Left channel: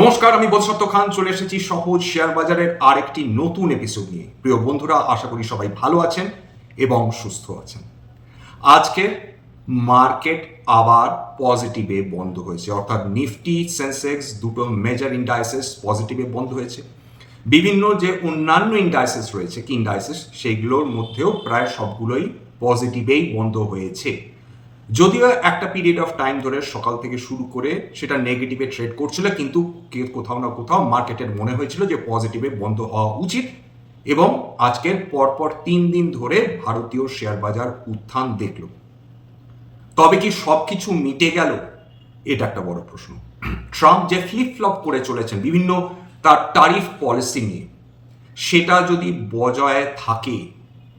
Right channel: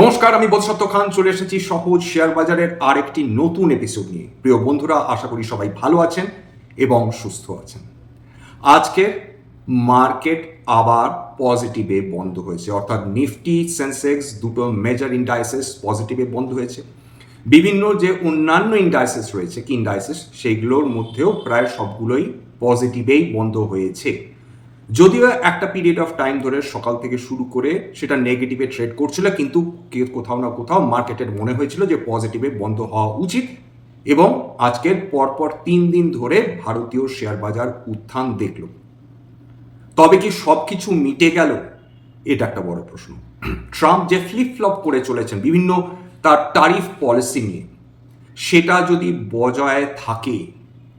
নমস্কার, আমি বোধসত্ত্ব খান, চলে এসেছি সহজ শেয়ার বাজারের আরেকটি নতুন এপিসোড নিয়ে। প্রিয় বন্ধুরা, আশা করি সবাই ভালো আছেন এবং সুস্থ আছেন। আজকের মার্কেট আবার পজিটিভে বন্ধ হয়েছে। অর্থাৎ নিফটি সেন্সেক্স দুটো মেজর ইন্ডাইসেস পজিটিভে বন্ধ হয়েছে। বিভিন্ন যে অন্যান্য ইন্ডাইসেস রয়েছে, কি ইন্ডাইসেস সেইগুলোর মধ্যেও প্রায় সবগুলোই পজিটিভেই বন্ধ হয়েছে। যদিও একটা পিরিয়ড অফ টাইম ধরে সকাল থেকে শুরু করে সেটা নেগেটিভে ট্রেড করছিল, কিন্তু কোথাও না কোথাও মার্কেটের মনে হয়েছিল যে পজিটিভে বন্ধ হওয়া উচিত। এবং আজকের পরপর তিন দিন ধরে ভারতীয় শেয়ার বাজার উত্থান দেখল। তবে কি সব কিছু মিটে গেল? এটা একটা বড় প্রশ্ন। ট্রাম্প যে ফ্লিপ ফ্লপ করে চলেছেন, বিভিন্ন তার টারিফ পলিসি নিয়ে, সেটা যদি বজায় থাকে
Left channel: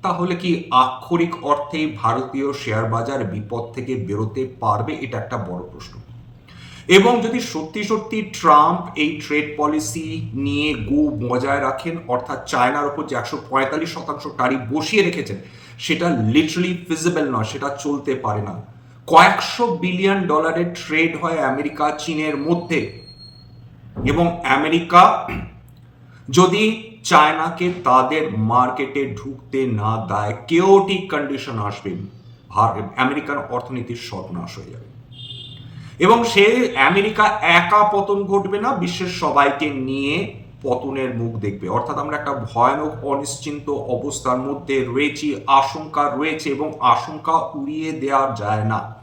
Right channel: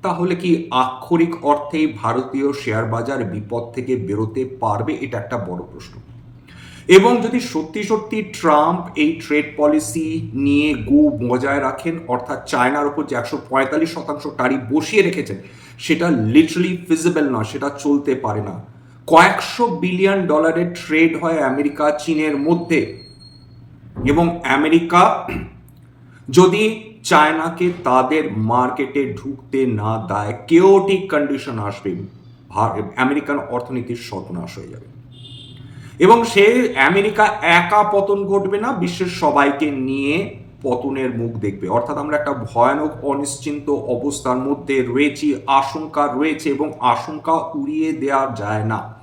তাহলে কি আক্ষরিক অর্থেই ভারতীয় শেয়ার বাজার বিপদ থেকে বেরোতে পারবে? এটা একটা বড় প্রশ্ন। এবং যদি সত্যি সত্যি ট্রাম্প এই ট্রেড পলিসি নিয়ে গো বজায় রাখেন, অর্থাৎ চায়নার উপর যে একশো পঁয়তাল্লিশ শতাংশ টারিফ বসিয়ে রেখেছেন, সেটা লিটারালি ফিজিবল নয়, সেটা চলতে পারে না। কয়েকশো বিলিয়ন ডলারের ট্রেড হয় আমেরিকা, চীনের মধ্যে। এবং আমেরিকা যদি চায়নাকে তাদের মার্কেটে ঢুকতে না দেয় কেওটিক কন্ডিশন আসবে আমেরিকান অর্থনীতির সর্বনাশ হয়ে যাবে। এবং সে আমেরিকা একা পতন ঘটবে না, বিশ্বের সবাইকে নিয়ে পতনের মুখ দেখবে। অর্থাৎ আমরা একটা ভয়ানক, অনিশ্চিন্ত অবস্থার মধ্যে রয়েছি, আশঙ্কা রয়েছে এবং আশঙ্কা উড়িয়ে দেওয়া যায় না।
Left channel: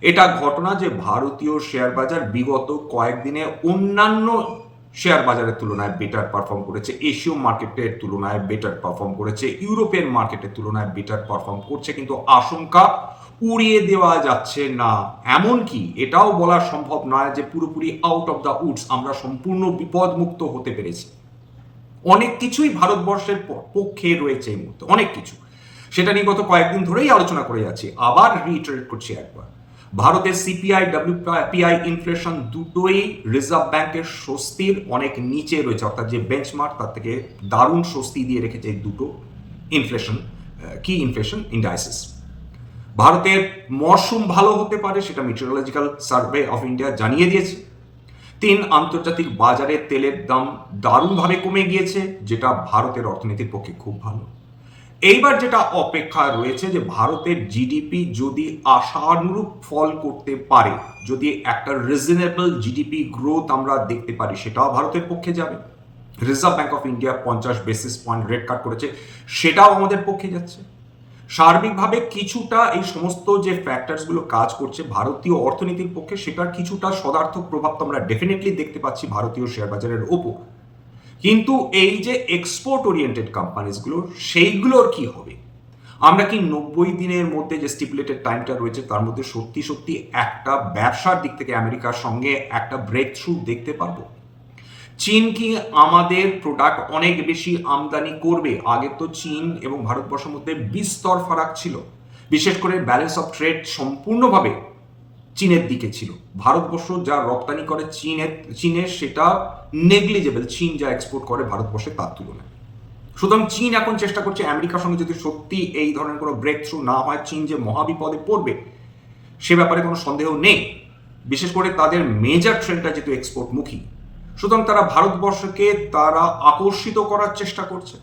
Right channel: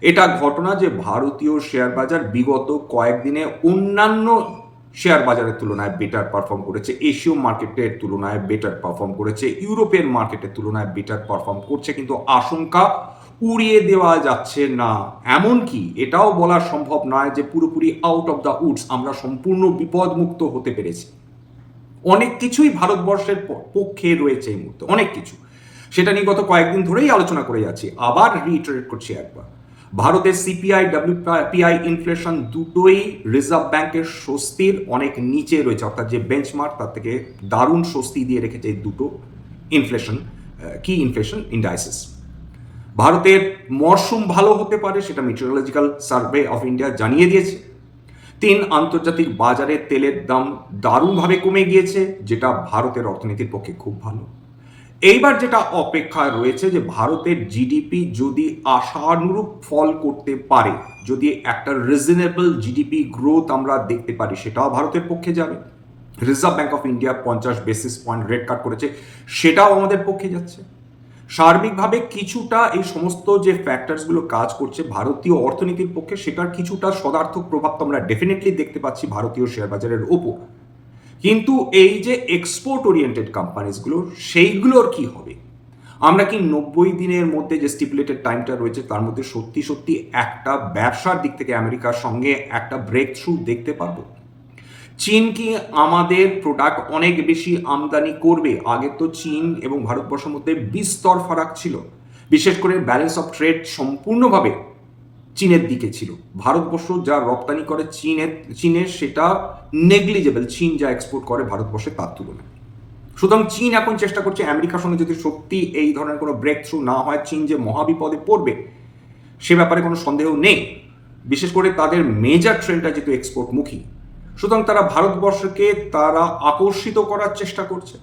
এটা ঘটনা যে ভারতীয় শেয়ার বাজার বিগত কয়েকদিনে অন্যান্য শেয়ার বাজারের তুলনায় বেটার পারফর্ম করেছে এশীয় মার্কেটের তুলনায় বেটার পারফর্ম করেছে ইউরোপিয়ান মার্কেটের তুলনায় বেটার পারফর্ম করছে, কিন্তু আশঙ্কা উড়িয়ে দেওয়া যাচ্ছে না। এমনকি এটাও বলা সম্ভব নয় যে পুরোপুরি আউট অফ দ্য উডস আমরা সম্পূর্ণ বিপদমুক্ত হতে পেরেছি। অনেক কিছুই ভারতবর্ষের পক্ষে রয়েছে এই মুহূর্তে, অনেক কিছু। সেটা নিয়ে গত কয়েকদিন ধরেই আলোচনা করে যাচ্ছি, আবার রিটারেট করছি একবার। ভারতের সিপিআই ডাব্লিউপিআই ইনফ্লেশন দুটোই রিজার্ভ ব্যাংকের স্বস্তির অনেক নিচে রয়েছে, অর্থাৎ যে বেঞ্চমার্ক তার থেকে দারুণ স্বস্তি দিয়ে রেখেছে এই দুটো ইনফ্লেশন কি ইনফ্লেশন ইন্ডাইসিস ভারতের মরশুম ভালো হতে পারে সেটা মিটেরোলজিক্যাল সার্ভে অফ ইন্ডিয়া জানিয়ে দিয়েছে। তিন, আন্তর্জাতিক বাজারে তেলের দাম দারুণভাবে কমে গিয়েছে, যেটা ভারতের অর্থনীতির পক্ষে খুব ভালো। এইবার যেটা অপেক্ষা রয়েছে যে ভারতের জিডিপি যদি আশানুরূপ ফল করতে পারে, যদি একটা রিজনেবল জিডিপি গ্রোথ আমরা দেখতে পারি, সেটাও ভারতের পক্ষে যাবে। রিজার্ভ ব্যাঙ্ক অফ ইন্ডিয়া পঞ্চাশ বেসিস পয়েন্ট রেট কাট করেছে, সেটাও আমাদের পক্ষে যাচ্ছে। সার্বিকভাবে কিছুটা এই সমস্ত যে ফ্যাক্টরসগুলো কাজ করছে ভারতীয় অর্থনীতির পক্ষে, সেটার কিছুটা সদার্থক প্রভাব তো আমরা ডেফিনেটলি দেখতে পাচ্ছি ভারতীয় শেয়ার বাজারের ওপর। কিন্তু এই যে এক্সপোর্ট ওরিয়েন্টেড কোম্পানিজগুলো সেইগুলোর কি হবে? আমরা কি নব্বই দিনের মধ্যে যে স্টিপুলেটেড টাইমটা রয়েছে, তার মধ্যে সত্যি সত্যি একটা ব্যবসার দিক থেকে আমেরিকার সঙ্গে একটা ব্রেক থ্রু দেখতে পারব? চীন কি আমাদের প্রোডাক্ট অনেক বেশি আমদানি করবে? আগে তো চীন এবং ভারতবর্ষের মধ্যে বিস্তর ফারাক ছিল। বিশেষ করে ব্যালেন্স অফ ট্রেড সম্পূর্ণভাবে চীনের দিকে ছিল। ভারতবর্ষ যা রপ্তানি করে চীনের চীনের সেটা নেগলিজেবল চীন যা এক্সপোর্ট করে ভারতবর্ষে তার তুলনায়। সুতরাং চীন এখন চেষ্টা করছে আমেরিকার সঙ্গে যদি সত্যি এই ধরনের কোনো ব্রেক থ্রু না হয়, চীন যে মহাবিপদে পড়বে, সে ব্যাপারে কোনো সন্দেহ নেই। বিশেষ করে তাদের মেজর ট্রেন্ডটা যেহেতু এক্সপোর্টমুখী সুতরাং তারা ভারতবর্ষকে তারা আকর্ষিত করার চেষ্টা করছে।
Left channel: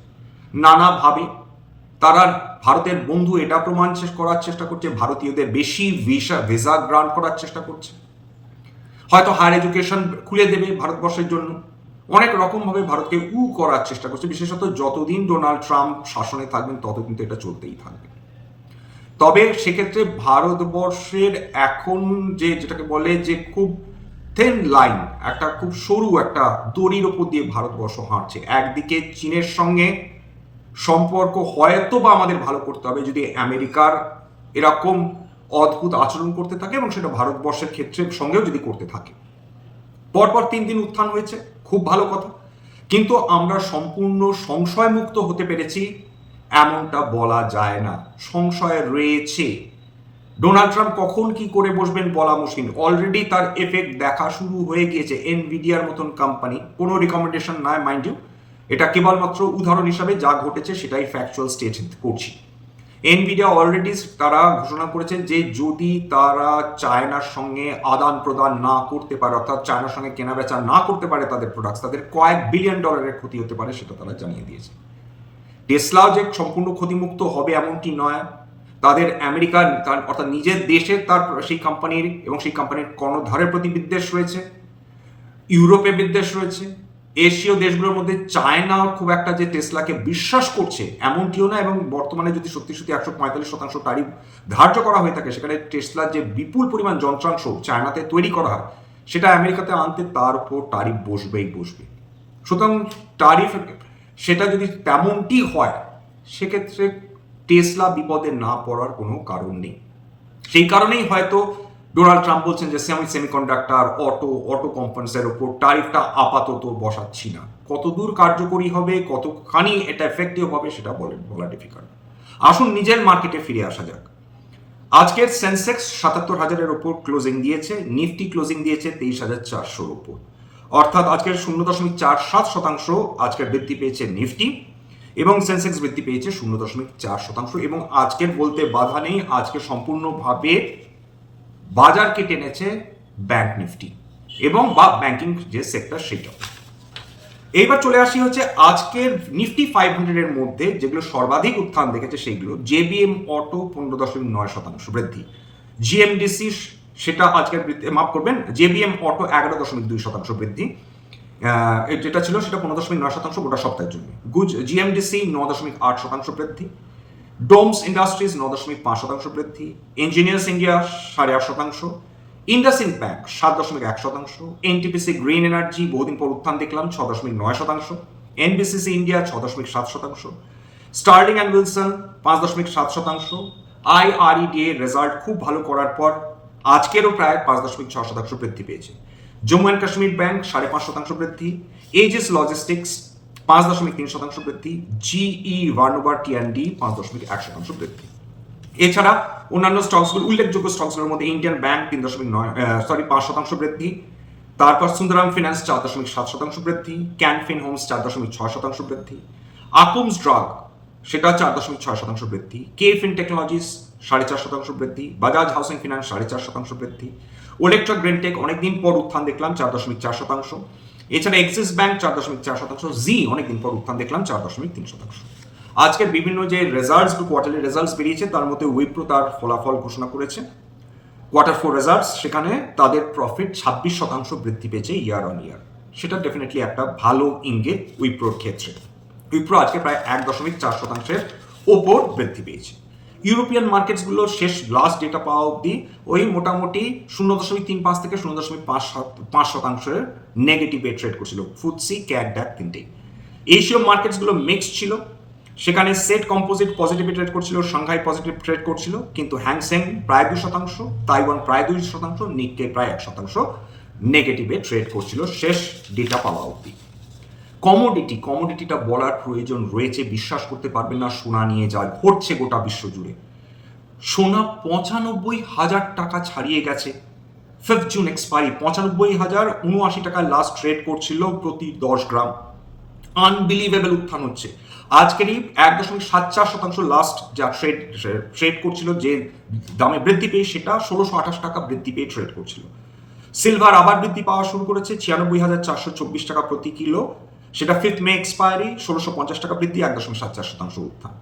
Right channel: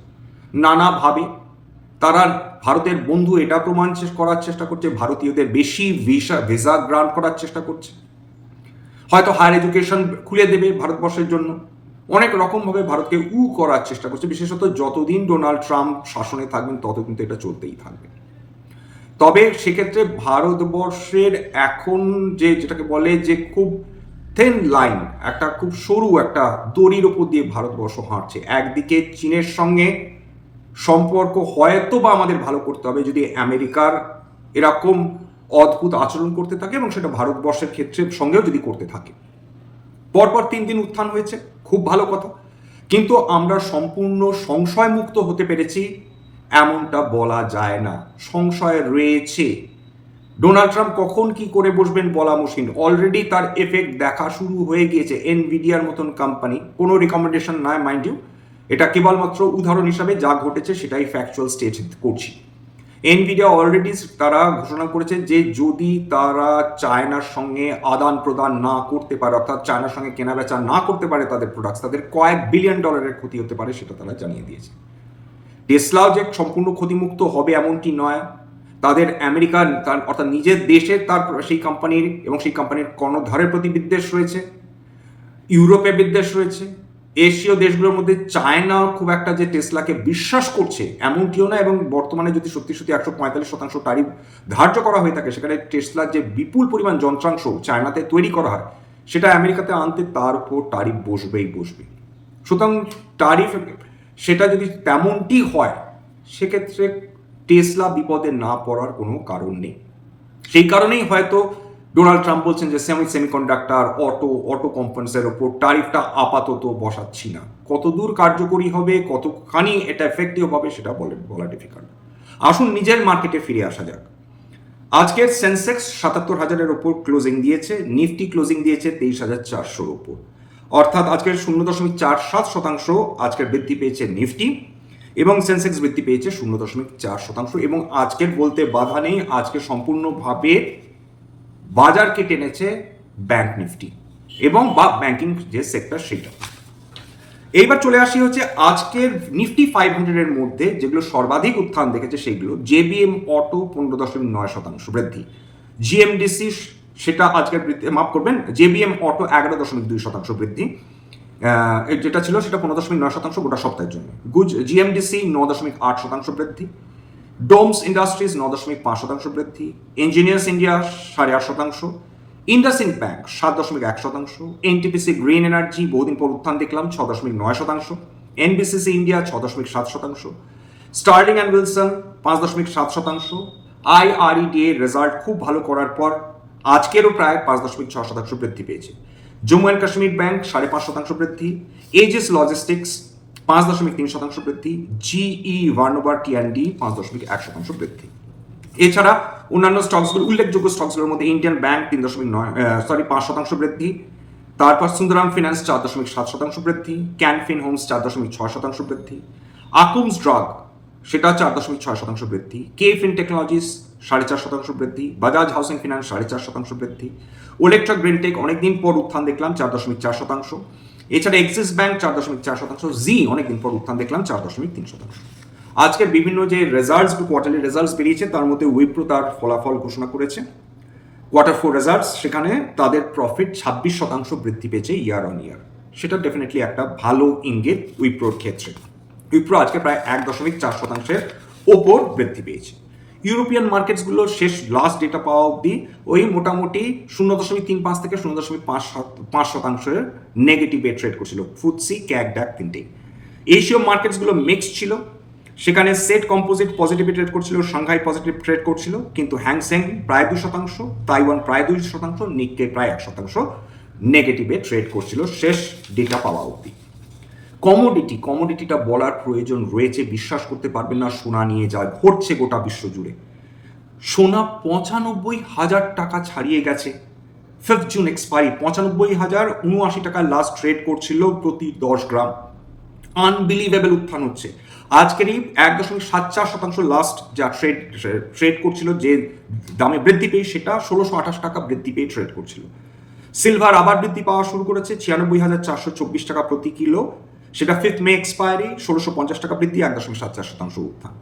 নানাভাবে তারা ভারতের বন্ধু, এটা প্রমাণ করার চেষ্টা করছে, ভারতীয়দের বেশি ভিসা ভিসা গ্রান্ট করার চেষ্টা করছে। হয়তো হায়ার এডুকেশন খুলে দেবে ভারতবর্ষের জন্য। অনেক রকমভাবে ভারতকে উ করার চেষ্টা করছে, বিশেষত যতদিন ডোনাল্ড ট্রাম্প শাসনে থাকবেন তত কিন্তু এটা চলতেই থাকবে। তবে সেক্ষেত্রে ভারতবর্ষের এখন যে, যেটাকে বলে যে খুব থেন লাইন একটা খুব সরু একটা দড়ির ওপর দিয়ে ভারতবর্ষ হাঁটছে। একদিকে চীনের সঙ্গে সম্পর্ক হয়তো বা আমাদের ভালো করতে হবে। যদি আমেরিকার এরকম অদ্ভুত আচরণ করতে থাকে এবং সেটা ভারতবর্ষের ক্ষেত্রে সঙ্গেও যদি করতে থাকে। পরপর তিন দিন উত্থান হয়েছে, খুব ভালো কথা। কিন্তু আমরা সম্পূর্ণ সংশয়মুক্ত হতে পেরেছি, এমনটা বলা যায় না। সংশয় রয়েছে। ডোনাল্ড ট্রাম্প কখন কি করে বসবেন বলা মুশকিল। অলরেডি তার এফেক্ট দেখা শুরু হয়ে গিয়েছে। এনভিডিয়ার মতন কোম্পানি কোনো রিকমেন্ডেশন নয় মাইন্ড ইউ এটা কেবলমাত্র উদাহরণ হিসাবে যা ঘটেছে সেটাই ফ্যাকচুয়াল স্টেট করছি। এনভিডিয়া অলরেডি তারা ঘোষণা করেছে যে যদি তারা চায়নার সঙ্গে আদান প্রদান না করতে পারে, অর্থাৎ চায়নার সঙ্গে কেনাবেচা না করতে পারে তাদের প্রোডাক্টস তাদের কয়েক বিলিয়ন ডলারের ক্ষতি হতে পারে সেটা তারা জানিয়ে দিয়েছে। টেসলাও যে সম্পূর্ণ ক্ষতিমুক্ত হবে এমনটি নয়। তাদের আমেরিকান তার- অর্থাৎ নিজের দেশে তার সেই কোম্পানির এবং সেই কোম্পানির কর্ণধারের প্রতি বিদ্বেষ রয়েছে। ইউরোপে বিদ্বেষ রয়েছে। এশীয় দেশগুলোর মধ্যে চায়না খুব একটা যে টেসলাকে বিশ্বাস করছে, এমনটিও না এবং বর্তমানে যদি সত্যি সত্যি একশো পঁয়তাল্লিশ শতাংশ তারিফ ধার্য করা হয়ে থাকে, সেখানে টেসলার যে বিপুল পরিমাণ যন্ত্রাংশ চায়নাতে তৈরি করা হয়, সেটা আমেরিকাতে আনতে তার উপর তারিফ বসবেই বসবে। সুতরাং তারিফ সেটা যদি তেমনটি হয়, সেক্ষেত্রে টেসলা বিপদে না পড়ার কোনো কারণ নেই। সেই কারণেই হয়তো ডোনাল্ড ট্রাম্প বলছেন যে সেমি সেমিকন্ডাক্টর অটো অটো কোম্পানিসের ওপর টারিফটা আপাতত বসাচ্ছি না। কতদূর কার্যকরী হবে, কতখানি এটা এফেক্টিভ হবে সেটা বলে বলা ডিফিকাল্ট আসুন নিজের মার্কেটে ফিরে আসা যাক। আজকের সেন্সেক্স সাতাত্তর হাজারের ওপর ক্লোজিং দিয়েছে নিফটি ক্লোজিং দিয়েছে তেইশ হাজার চারশোর ওপর। অর্থাৎ আজকের শূন্য দশমিক চার সাত শতাংশ আজকের বৃদ্ধি পেয়েছে নিফটি এবং সেন্সেক্স বৃদ্ধি পেয়েছে শূন্য দশমিক চার শতাংশ এবং আজকের বলতে বাধা নেই, আজকে সম্পূর্ণভাবে বাজারকে টেনেছে ব্যাংক নিফটি এবং বা ব্যাংকিং যে সেক্টর সেটা। এইবার চলে আসি হচ্ছে আজকের নিফটি ফাইভ হান্ড্রেডের মধ্যে যেগুলো সর্বাধিক উত্থান দেখেছে সেইগুলো। জেবিএম অটো পনেরো দশমিক নয় শতাংশ বৃদ্ধি। জিএমডিসি সেটা আজকের বৃদ্ধি, মাফ করবেন, জেবিএম অটো এগারো দশমিক দুই শতাংশ বৃদ্ধি। যেটা ছিল সেটা পনেরো দশমিক নয় শতাংশ গোটা সপ্তাহের জন্য। গুজ, জিএমডিসি ন দশমিক আট শতাংশ বৃদ্ধি। ডোমস ইন্ডাস্ট্রিজ ন দশমিক পাঁচ শতাংশ বৃদ্ধি। ইঞ্জিনিয়ার্স ইন্ডিয়া সাড়ে আট শতাংশ। ইন্ডাসিন ব্যাংক সাত দশমিক এক শতাংশ। এনটিপিসি গ্রিন এনার্জি বহুদিন পর উত্থান দেখলাম ছ দশমিক নয় শতাংশ। এনবিসিসি ইন্ডিয়া ছ দশমিক সাত শতাংশ। স্টার্লিং অ্যান্ড উইলসন পাঁচ দশমিক সাত শতাংশ। আইআরইডি এর রেজাল্ট খুব ভালো করার পর আজকেরও প্রায় পাঁচ দশমিক ছ শতাংশ বৃদ্ধি পেয়েছে। জম্মু অ্যান্ড কাশ্মীর ব্যাংক সাড়ে পাঁচ শতাংশ বৃদ্ধি। এজিস লজিস্টিক্স পাঁচ দশমিক তিন শতাংশ বৃদ্ধি জিই ভার্নোভার টিএনডি পাঁচ দশমিক এক শতাংশ বৃদ্ধি। এছাড়া অন্যান্য স্টকসগুলো, উল্লেখযোগ্য স্টকসগুলোর মধ্যে ইন্ডিয়ান ব্যাংক তিন দশমিক নয় সরি পাঁচ শতাংশ বৃদ্ধি। তারপর সুন্দরাম ফিনান্স চার দশমিক সাত শতাংশ বৃদ্ধি ক্যানফিন হোমস চার দশমিক ছয় শতাংশ বৃদ্ধি। আকুমস ড্রাগ সেটা চার দশমিক ছয় শতাংশ বৃদ্ধি। কে ফিন টেকনোলজিস সাড়ে চার শতাংশ বৃদ্ধি। বাজাজ হাউসিং ফিনান্স সাড়ে চার শতাংশ বৃদ্ধি। ওলেকট্রা গ্রেনটেক অনেকদিন পর উত্থান দেখলাম, চার দশমিক চার শতাংশ। এছাড়া এক্সিস ব্যাংক চার দশমিক চার শতাংশ জি অনেকদিন পর উত্থান দেখলাম, চার দশমিক তিন শতাংশ। আজকে বিভিন্ন যে রেজাল্টস কোয়ার্টারলি রেজাল্টস বেরিয়েছে, তার মধ্যে উইপ্রো তার ফলাফল ঘোষণা করেছে। কোয়ার্টার ফোর রেজাল্টস সেখানে তাদের প্রফিট ছাব্বিশ শতাংশ বৃদ্ধি পেয়েছে ইয়ার অন ইয়ার সেটা ডেফিনেটলি একটা ভালো ইঙ্গিত উইপ্রোর ক্ষেত্রে। উইপ্রো আজকে প্রায় এক দশমিক চার শতাংশের ওপর বৃদ্ধি পেয়েছে। ইউরোপিয়ান মার্কেটসগুলো শেষ লাস্ট ডেটা পাওয়া অবধি ওই মোটামুটি শূন্য দশমিক তিন পাঁচ থেকে শূন্য দশমিক পাঁচ সাত- পাঁচ শতাংশের নেগেটিভে ট্রেড করছিল। ফুটসি ক্যাক ড্যাক তিনটেই। এশীয় মার্কেটসগুলো মিক্সড ছিল। সেখানে সেট কম্পোজিট পজিটিভ ট্রেড করছিল সাংহাই পজিটিভ ট্রেড করছিল, কিন্তু হ্যাংসেং প্রায় দুই শতাংশ তাইওয়ান প্রায় দুই শতাংশ নিককে প্রায় এক শতাংশ নেগেটিভে ট্রেড করছিল শেষ ডেটা পাওয়া অবধি। কমোডিটি কমোডিটিটা বলার প্রয়োজন রয়েছে, বিশ্বাস করতে পারবেন না, সোনা নিয়ে যা ঘটছে গোটা বিশ্ব জুড়ে। সোনা পঁচানব্বই হাজার টাকা ছাড়িয়ে গেছে। ফিফথ জুন এক্সপায়ারি পঁচানব্বই হাজার উনআশি টাকা লাস্ট ট্রেড করছিল প্রতি দশ গ্রাম। আনবিলিভেবল উত্থান হচ্ছে। আজকেরই এক দশমিক সাত চার শতাংশ লাস্ট যা ট্রেড ট্রেড করছিল, যে দামে বৃদ্ধি পেয়ে সেটা ষোলোশো আঠাশ টাকা বৃদ্ধি পেয়ে ট্রেড করছিল। সিলভার আবার বৃদ্ধি পাওয়া শুরু করেছে, ছিয়ানব্বই হাজার চারশো চব্বিশ টাকা প্রতি কিলো সেটা ফিফথ মে এক্সপায়ারি ষোলোশো পঞ্চাশ টাকা বৃদ্ধি, এক দশমিক সাত চার শতাংশ উত্থান।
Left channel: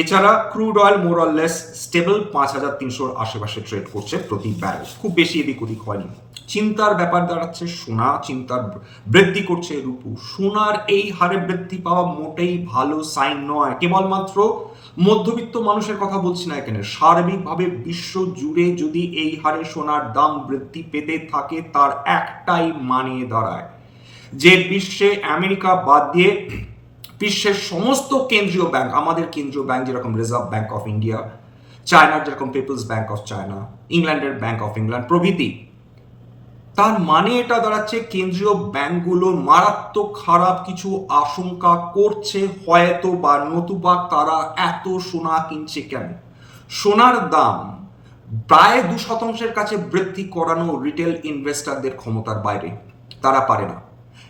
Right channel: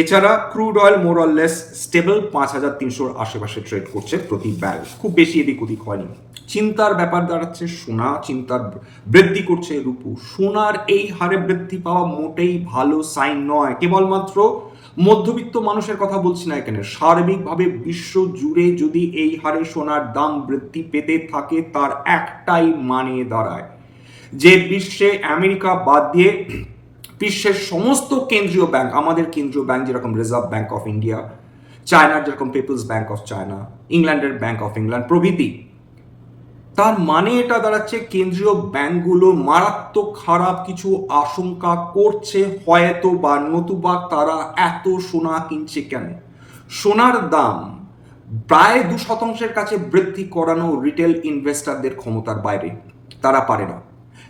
এছাড়া crude oil more less stable পাঁচ হাজার তিনশোর আশেপাশে ট্রেড করছে প্রতি ব্যারেল খুব বেশি এদিক ওদিক হয়নি। চিন্তার ব্যাপার দাঁড়াচ্ছে, সোনা চিন্তার বৃদ্ধি করছে রূপু। সোনার এই হারে বৃদ্ধি পাওয়া মোটেই ভালো সাইন নয়। কেবলমাত্র মধ্যবিত্ত মানুষের কথা বলছি না এখানে। সার্বিকভাবে বিশ্ব জুড়ে যদি এই হারে সোনার দাম বৃদ্ধি পেতে থাকে, তার একটাই মানে দাঁড়ায়। যে বিশ্বে আমেরিকা বাদ দিয়ে বিশ্বের সমস্ত কেন্দ্রীয় ব্যাংক, আমাদের কেন্দ্রীয় ব্যাংক যেরকম রিজার্ভ ব্যাংক অফ ইন্ডিয়া চায়নার যেরকম পিপলস ব্যাংক অফ চায়না ইংল্যান্ডের ব্যাংক অফ ইংল্যান্ড প্রভৃতি। তার মানে এটা দাঁড়াচ্ছে কেন্দ্রীয় ব্যাংকগুলো মারাত্মক খারাপ কিছু আশঙ্কা করছে, হয়তো বা নতুবা তারা এত সোনা কিনছে কেন? সোনার দাম প্রায় দু শতাংশের কাছে বৃদ্ধি করানো রিটেল ইনভেস্টরদের ক্ষমতার বাইরে। তারা পারে না।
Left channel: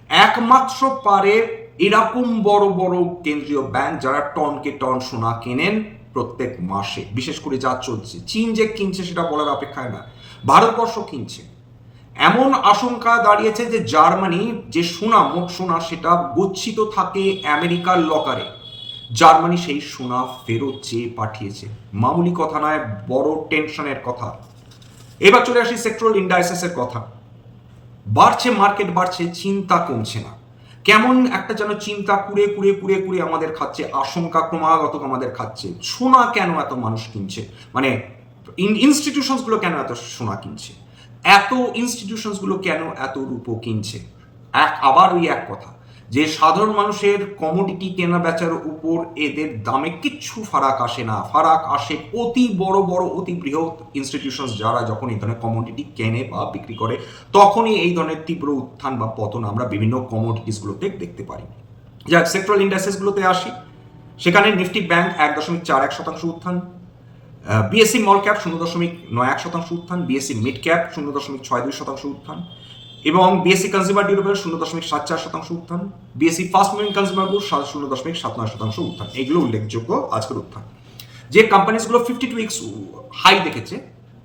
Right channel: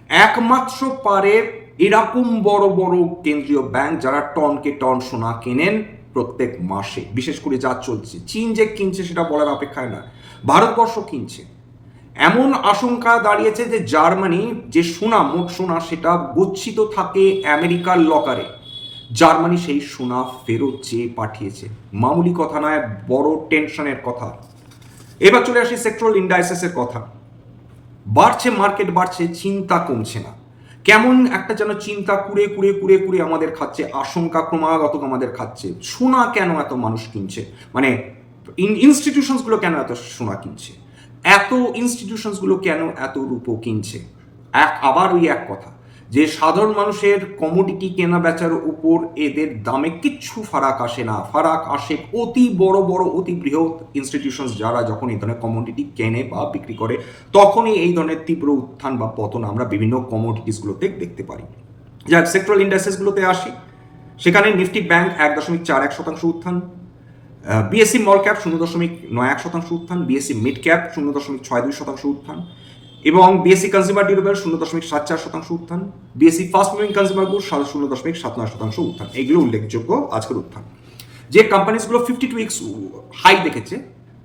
একমাত্র পারে এরকম বড় বড় কেন্দ্রীয় ব্যাংক যারা টনকে টন সোনা কেনেন প্রত্যেক মাসে। বিশেষ করে যা চলছে। চীন যে কিনছে সেটা বলার অপেক্ষায় না। ভারতবর্ষ কিনছে। এমন আশঙ্কা দাঁড়িয়েছে যে জার্মানি যে সোনা, মোট সোনা, সেটা গচ্ছিত থাকে আমেরিকার লকারে। জার্মানি সেই সোনা ফেরত চেয়ে পাঠিয়েছে। মামুলি কথা নয়, বড় টেনশনের কথা। এবার চলে আসি সেক্টরাল ইন্ডাইসেসের কথা। বাড়ছে মার্কেট বাড়ছে, চিন্তা কমছে না। কেমন একটা যেন চিন্তা কুড়ে কুড়ে কুড়ে কুড়ে আমাদের খাচ্ছে, আশঙ্কা ক্রমাগত আমাদের খাচ্ছে। সোনা কেন এত মানুষ কিনছে? মানে ইনস্টিটিউশনসগুলো কেন এত সোনা কিনছে? এত ইনস্টিটিউশনসগুলো কেন এত রূপো কিনছে? এক, আবার ওই এক কথা। যে সাধারণ মানুষের কমোডিটি কেনা বেচার উপর এদের দামে কিচ্ছু ফারাক আসে না। ফারাক আসে অতি বড় বড়, অতি বৃহৎ ইনস্টিটিউশনস যারা যখন এই ধরনের কমোডিটি কেনে বা বিক্রি করে, তখনই এই ধরনের তীব্র উত্থান বা পতন আমরা বিভিন্ন কমোডিটিসগুলোতে দেখতে পারি। যাক সেক্টরাল ইন্ডাস্ট্রিজগুলোতে আসি। সেখানে নিফটি ব্যাংক এক দশমিক চার এক শতাংশ উত্থান বিএসসি মল ক্যাপ শূন্য দশমিক নয় এক শতাংশ উত্থান বিএসসি মিড ক্যাপ শূন্য দশমিক ছয় দুই শতাংশ উত্থান এবং বিএসসি কনজিউমার ডিউরেবল শূন্য দশমিক সাত চার শতাংশ উত্থান BSC fast moving consumer good শূন্য দশমিক সাত নয় শতাংশ উত্থান। এগুলো উল্লেখযোগ্য আজকের উত্থান। যে কোম্পানিজগুলো ফিফটি টু উইক্স হাই দেখেছে,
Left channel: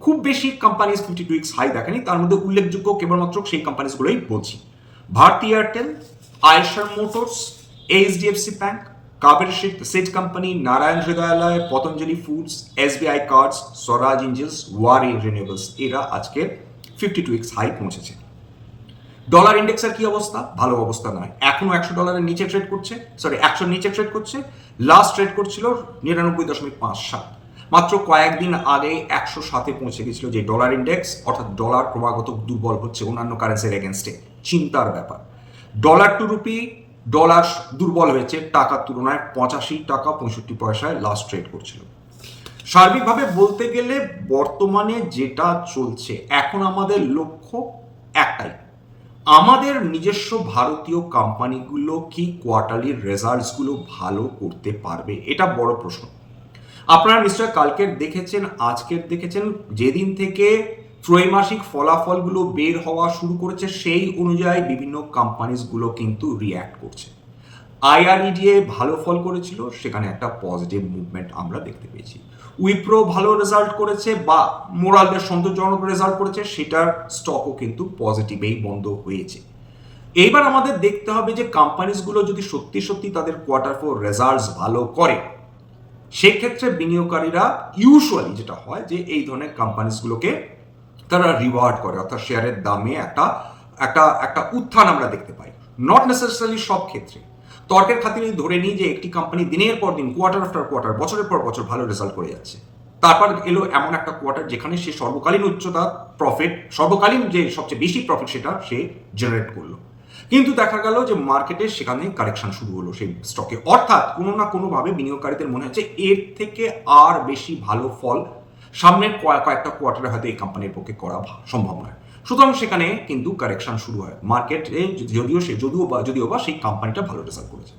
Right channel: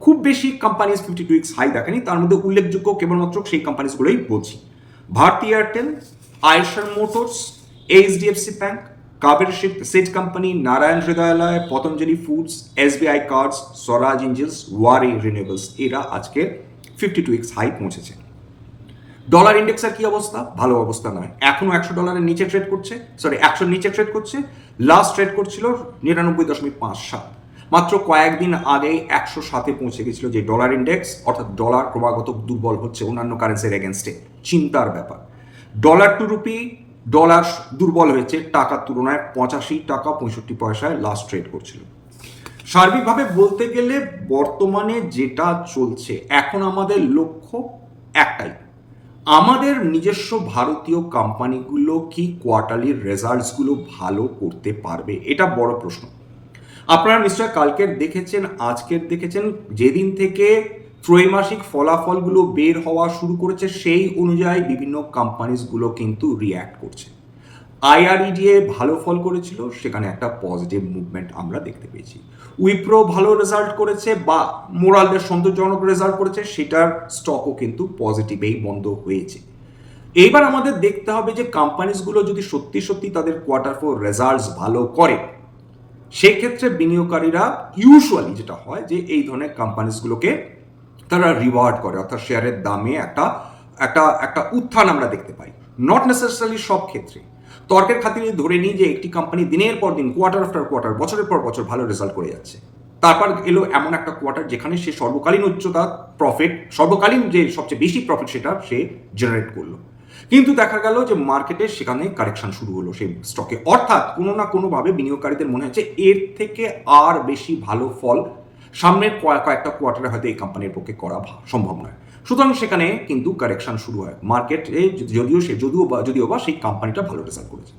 খুব বেশি companies fifty two weeks high দেখেনি, তার মধ্যে উল্লেখযোগ্য কেবলমাত্র সেই কোম্পানিজগুলোই বলছি। Bharti Airtel Eicher motors HDFC bank কাবের set company Narayana Hrudayalaya Patanjali foods SBI cards Swaraj engines Waaree renewables এরা আজকে ফিফটি টু উইক্স হাই পৌঁছেছে। ডলার ইন্ডেক্সের কি অবস্থা? ভালো অবস্থা নয়। এখনও একশো ডলারের নিচে ট্রেড করছে সরি একশোর নিচে ট্রেড করছে। লাস্ট ট্রেড করছিল নিরানব্বই দশমিক পাঁচ সাত। মাত্র কয়েকদিন আগেই একশো সাতে পৌঁছে গেছিল যে ডলার ইন্ডেক্স অর্থাৎ ডলার ক্রমাগত দুর্বল হচ্ছে অন্যান্য কারেন্সির এগেনস্টে চিন্তার ব্যাপার। ডলার টু রুপি ডলার দুর্বল হয়েছে টাকার তুলনায় পঁচাশি টাকা পঁয়ষট্টি পয়সায় লাস্ট ট্রেড করছিল। সার্বিকভাবে বলতে গেলে বর্তমানে যেটা চলছে, এখন আমাদের লক্ষ্য একটাই আমাদের নিজস্ব ভারতীয় কোম্পানিগুলো কি কোয়ার্টারলি রেজাল্টসগুলো ভালো করতে পারবে? এটা বড় প্রশ্ন। আপনারা নিশ্চয় কালকের দেখেছেন, আজকের দেখেছেন, যেদিন থেকে ত্রৈমাসিক ফলাফলগুলো বের হওয়া শুরু করেছে, সেই অনুযায়ী বিভিন্ন কোম্পানিজগুলো কিন্তু রিয়্যাক্ট করছে। আইআরইডিএ ভালো ফল করেছিল, সেখানে একটা পজিটিভ মুভমেন্ট আমরা দেখতে পেয়েছি। উইপ্রো ভালো রেজাল্ট করেছে বা মোরালদের সন্তোষজনক রেজাল্ট করেছে, সেটার স্টকও কিন্তু পজিটিভেই বন্ধ হয়েছে। এইবার আমাদের দেখতে হবে যে কোম্পানিজগুলো যদি সত্যি সত্যি তাদের কোয়ার্টার ফোর রেজাল্টস ভালো করে, সেক্ষেত্রে বিনিয়োগকারীরা ইউজুয়ালি যেটা হয় যে এই ধরনের কোম্পানিজগুলোকে তারা রিওয়ার্ড করে, অর্থাৎ শেয়ারের দামে একটা একটা একটা উত্থান আমরা দেখতে পাই। নট নেসেসারি সব ক্ষেত্রে। তর্কের খাতিরে ধরে নিই যে একটি কোম্পানি দিনের পর দিন কোয়ার্টার আফটার কোয়ার্টার বছরের পর বছর ভালো রেজাল্ট করে যাচ্ছে। তারপর এলো এমন একটা কোয়ার্টার যেখানে সে সর্বকালীন উচ্চতা প্রফিট সর্বকালীন যে সবচেয়ে বেশি প্রফিট সেটা সে জেনারেট করল। কিন্তু দেখা গেল যে মার্কেটে সেখানে কারেকশন শুরু হলো সেই স্টকে অর্থাৎ কোনো না কোনোভাবে বিনিয়োগকারীদের মনে হচ্ছে এর থেকে আর বেশি ভালো ফল সামনের কয়েকটা কোয়ার্টারে হয়তো এই কোম্পানির পক্ষে করা সম্ভব নয়। সুতরাং সেখানে কিন্তু কারেকশন শুরু হয়। মার্কেটে যদিও সে, যদিও বা যদিও বা সেই কোম্পানিটা ভালো রেজাল্ট করেছে।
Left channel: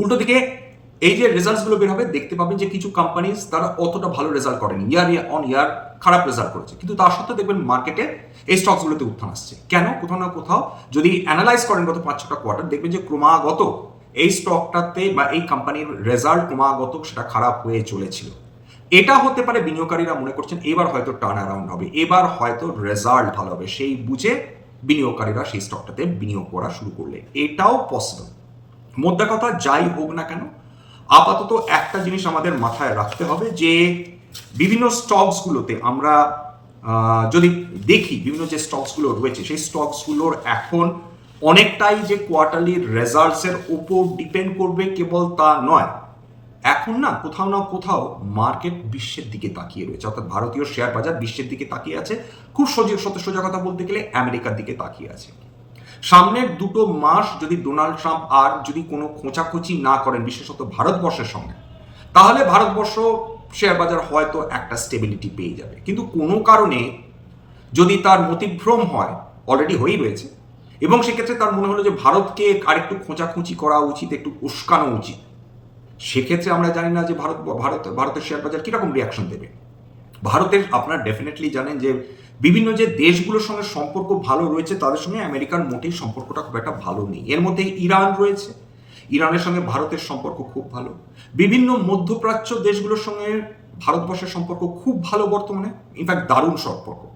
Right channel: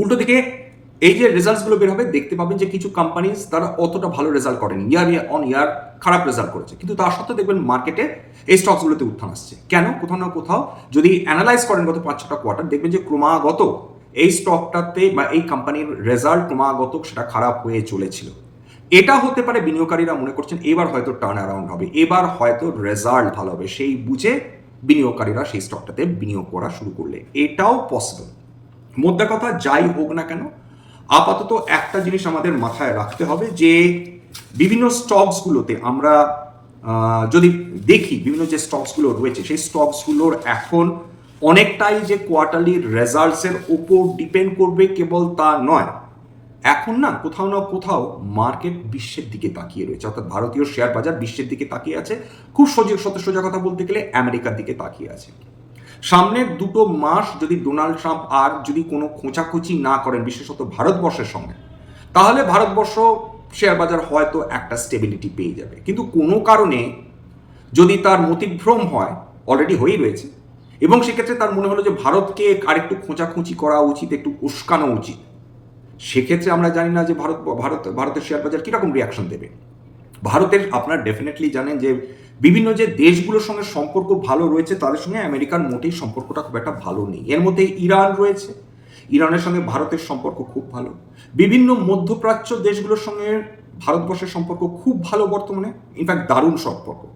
উল্টো দিকে এই যে রেজাল্টসগুলো বের হবে, দেখতে পাবেন যে কিছু কোম্পানিজ তারা অতটা ভালো রেজাল্ট করেনি। ইয়ার অন ইয়ার খারাপ রেজাল্ট করেছে। কিন্তু তার সত্ত্বেও দেখবেন মার্কেটে এই স্টকসগুলোতে উত্থান আসছে। কেন? কোথাও না কোথাও যদি অ্যানালাইজ করেন গত পাঁচ ছটা কোয়ার্টার দেখবেন যে ক্রমাগত এই স্টকটাতে বা এই কোম্পানির রেজাল্ট ক্রমাগত সেটা খারাপ হয়ে চলেছিল। এটা হতে পারে বিনিয়োগকারীরা মনে করছেন এবার হয়তো টার্ন অ্যারাউন্ড হবে, এবার হয়তো রেজাল্ট ভালো হবে। সেই বুঝে বিনিয়োগকারীরা সেই স্টকটাতে বিনিয়োগ করা শুরু করলে। এটাও পসিবল মোদ্দা কথা, যাই হোক না কেন, আপাতত একটা জিনিস আমাদের মাথায় রাখতে হবে যে বিভিন্ন স্টকসগুলোতে আমরা যদি দেখি বিভিন্ন যে স্টকসগুলো রয়েছে, সেই স্টকসগুলোর এখন অনেকটাই যে কোয়ার্টারলি রেজাল্টসের ওপর ডিপেন্ড করবে কেবল তা নয়। এখন না কোথাও না কোথাও মার্কেট বিশ্বের দিকে তাকিয়ে রয়েছে। অর্থাৎ ভারতীয় শেয়ার বাজার বিশ্বের দিকে তাকিয়ে আছে। খুব সোজা সত্য, সোজা কথা বলতে গেলে আমেরিকার দিকে তাকিয়ে আছে। সামনের দুটো মাস যদি ডোনাল্ড ট্রাম্প আর যদি কোনো খোঁচাখুচি না করেন, বিশেষত ভারতবর্ষের সঙ্গে, তাহলে ভারতবর্ষ শেয়ার বাজার হয়তো একটা স্টেবিলিটি পেয়ে যাবে। কিন্তু কোনো কারণে যদি তার মতিভ্রম হয় অলরেডি হয়েই রয়েছে। এবং সেক্ষেত্রে তার মনে হলো যে ভারতকে আরেকটু খোঁচাখুঁচি করা উচিত, একটু উস্কানো উচিত। সেক্ষেত্রে আমরা জানি না যে ভারত ভারত, ভারতের শেয়ার বাজার কীরকম রিয়াকশন দেবে। ভারতের আপনারা ডেফিনেটলি জানেন যে বিভিন্ন যে দেশগুলোর সঙ্গে সম্পর্ক ভালো রয়েছে, তাদের সঙ্গে আমেরিকার মোটেই সম্পর্কটা খুব একটা ভালো নেই। এর মধ্যে ইরান রয়েছে। ইরানের সঙ্গে ভারতের সম্পর্ক খুব ভালো। বিভিন্ন মধ্যপ্রাচ্য দেশগুলোর সঙ্গে ভারতবর্ষের সম্পর্ক খুব ভালো বর্তমানে। ইনফ্যাক্ট দারুণ সম্পর্ক।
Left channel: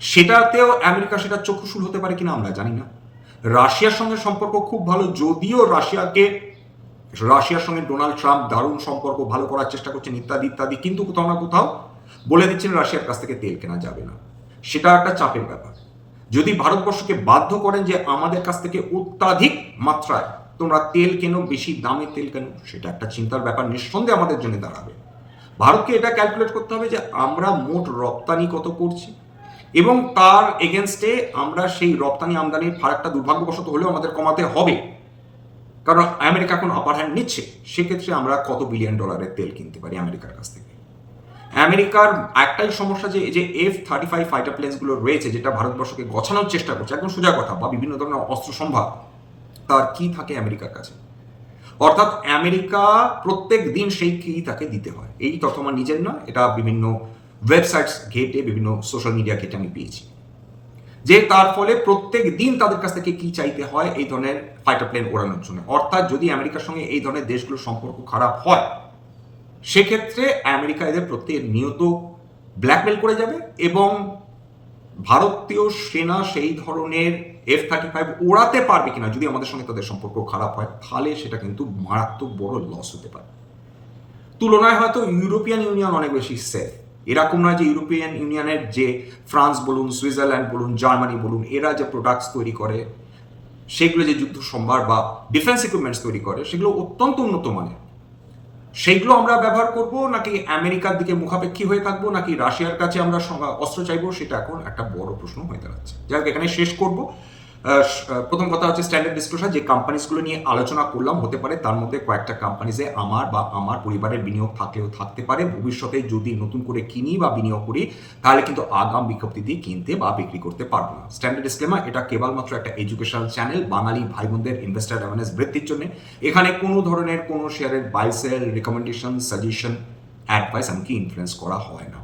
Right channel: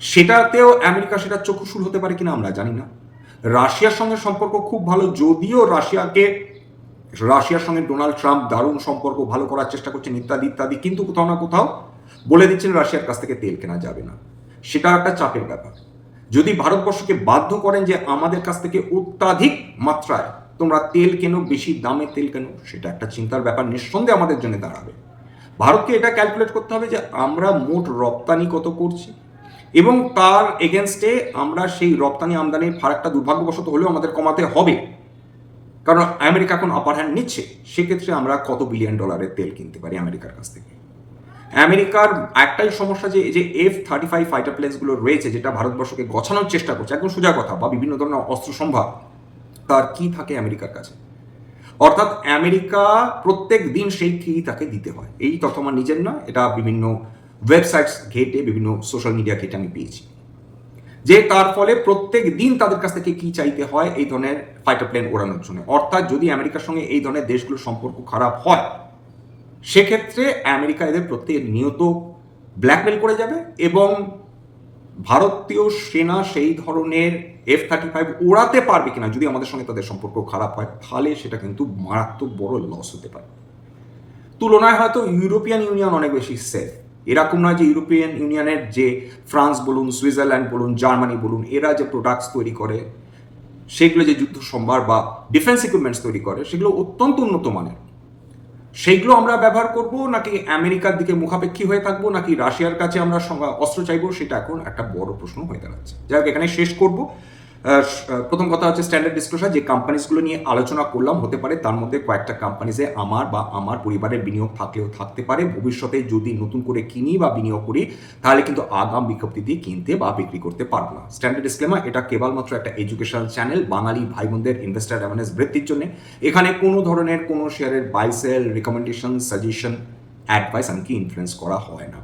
সেটাতেও আমেরিকা সেটা চক্ষুশূল হতে পারে কিনা আমরা জানি না। রাশিয়ার সঙ্গে সম্পর্ক খুব ভালো, যদিও রাশিয়াকে রাশিয়ার সঙ্গে ডোনাল্ড ট্রাম্প দারুণ সম্পর্ক ভালো করার চেষ্টা করছেন ইত্যাদি ইত্যাদি, কিন্তু কোথাও না কোথাও বলে দিচ্ছেন রাশিয়ার কাছ থেকে তেল কেনা যাবে না। সেটা একটা চাপের ব্যাপার। যদি ভারতবর্ষকে বাধ্য করেন যে আমাদের কাছ থেকে অত্যাধিক মাত্রায় তোমরা তেল কেনো, বেশি দামে তেল কেনো, সেটা একটা চিন্তার ব্যাপার, নিঃসন্দেহে আমাদের জন্য দাঁড়াবে। ভারতকে এটা ক্যালকুলেট করতে হবে যে আমরা মোট রপ্তানি কত করছি, এবং তার এগেনস্টে আমরা সেই রপ্তানি আমদানির ফারাকটা দুর্ভাগ্যবশত হলেও আমাদের কমাতে হবে। কারণ আমেরিকা এখন আপার হ্যান্ড নিচ্ছে, সেক্ষেত্রে আমরা কত বিলিয়ন ডলারের তেল কিনতে পারি আমেরিকার কাছ থেকে? আমেরিকার একটাই সমস্যা যে যে এফ থার্টি ফাইভ ফাইটার প্লেন্সগুলো রয়েছে, যেটা ভারতবর্ষকে গছানোর চেষ্টা করছে, একদম সোজা কথা বা বিভিন্ন ধরনের অস্ত্র সম্ভার, তার কি থাকে আমেরিকার কাছে? অর্থাৎ আমেরিকা প্রত্যেক দিন সেই কি তাকে দিতে হয়। এই তথ্য আমার নিজের নয়, এটা বিভিন্ন ওয়েবসাইটস ঘেটে, বিভিন্ন সোশ্যাল মিডিয়া ঘেটে আমি পেয়েছি। যে তার ফলে প্রত্যেক দিন তাদের কাছ থেকে কি চাইতে হয় এই ধরনের ফাইটার প্লেন ওড়ানোর জন্য। অর্থাৎ যদি আমেরিকার সঙ্গে এই ধরনের দেশগুলোর সম্পর্ক খারাপ হয়, সেক্ষেত্রে আমেরিকা এদের প্রত্যেক নিয়ত ব্ল্যাকমেল করে যাবে এবং ভারতীয় সেনা সেই ধরনের এফ থার্টি ফাইভ ওড়াতে পারবে কিনা যদি আমাদের সঙ্গে তাদের সম্পর্ক খারাপ হয়, তাহলে সেটা কিন্তু মারাত্মক বড় লস হতে পারে। তুলনায় হয়তো ইউরোপিয়ান ইউনিয়ন অনেক বেশি সেফ এরকম নয় যে ইউরোপিয়ান ইউনিয়নের যে ফ্রান্স বলুন সুইজারল্যান্ড বলুন জার্মানি বলুন, এরা যে প্রোডাক্টস তৈরি করে, সেগুলো যে যুদ্ধ সম্ভার বা ডিফেন্স ইকুইপমেন্টস তৈরি করে, সেগুলো অত্যন্ত উন্নত মানের। সেইগুলো আমরা ব্যবহার করব নাকি আমেরিকার দিকে মুখাপেক্ষী হয়ে থাকব নাকি রাশিয়ার কাছে আমরা অস্ত্র চাইব, সেটা এখন একটা বড় প্রশ্ন হয়ে দাঁড়াচ্ছে। যাই হোক এখানে শেষ করব। প্রথম কথা হচ্ছে স্ট্যান্ডার্ড ডিসক্লোজার যে কোম্পানিজগুলো নিয়ে আলোচনা করলাম, হতে পারে তার মধ্যে কয়েকটা কোম্পানিজে আমার বা আমার পরিবারের বিনিয়োগ থাকলেও থাকতে পারে। ভবিষ্যতে যদি নতুন করে কিনি বা বিনিয়োগ করি, তাহলে কিন্তু আগাম বিজ্ঞপ্তি দিয়ে কিনতে বা বিক্রি করতে পারব না। স্ট্যান্ডার্ড ডিসক্লেমার এটা কেবলমাত্র একটা এডুকেশনাল চ্যানেল বাঙালি ভাই বোনদের ইনভেস্টার অ্যাওয়ারনেস বৃদ্ধির জন্য। এখানে কোনো ধরনের কোনো শেয়ারের buy sell recommendation suggestion advice এমনকি ইনফ্লুয়েন্স করা হয় না।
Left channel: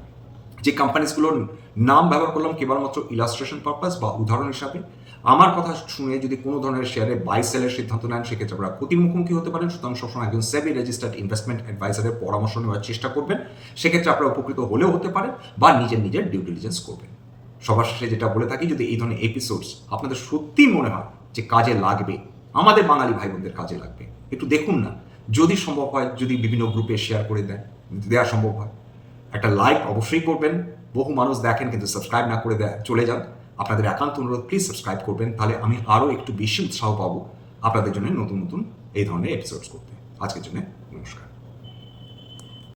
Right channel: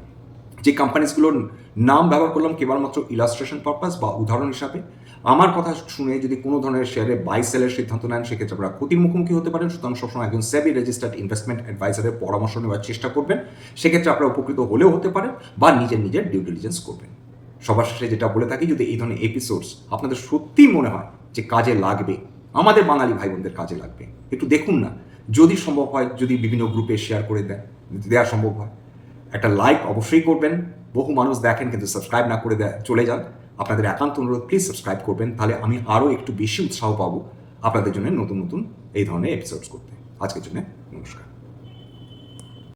যে কোম্পানিজগুলোর নাম ব্যবহার করলাম কেবলমাত্র ইলাস্ট্রেশন পারপাস বা উদাহরণ হিসাবে আমার কথা শুনে যদি কোনো ধরনের শেয়ারে বাই সেলের সিদ্ধান্ত নেন, সেক্ষেত্রে আপনারা ক্ষতির মুখোমুখি হতে পারেন। সুতরাং সবসময় একজন সেবি রেজিস্টার্ড ইনভেস্টমেন্ট অ্যাডভাইজারের পরামর্শ নেওয়ার চেষ্টা করবেন। সেক্ষেত্রে আপনারা উপকৃত হলেও হতে পারেন বা নিজের নিজের ডিউ ডিলিজেন্স করবেন। সবার শেষে যেটা বলে থাকি, যদি এই ধরনের এপিসোডস আপনাদের সত্যিই মনে হয় যে কাজে লাগবে, আমাদের বাঙালি ভাই বোনদের কাজে লাগবে, একটু দেখুন না। যদি সম্ভব হয়, যদি বিভিন্ন গ্রুপে শেয়ার করে দেয় দেওয়া সম্ভব হয়, একটা লাইক অবশ্যই করবেন। বহু মানুষ দেখেন কিন্তু সাবস্ক্রাইব না করে দেয় চলে যান। আপনাদের একান্ত অনুরোধ প্লিজ সাবস্ক্রাইব করবেন, তাহলে আমি আরও একটু বেশি উৎসাহ পাবো আপনাদের জন্য নতুন নতুন এই ধরনের এপিসোডস করতে। আজকের জন্য নমস্কার।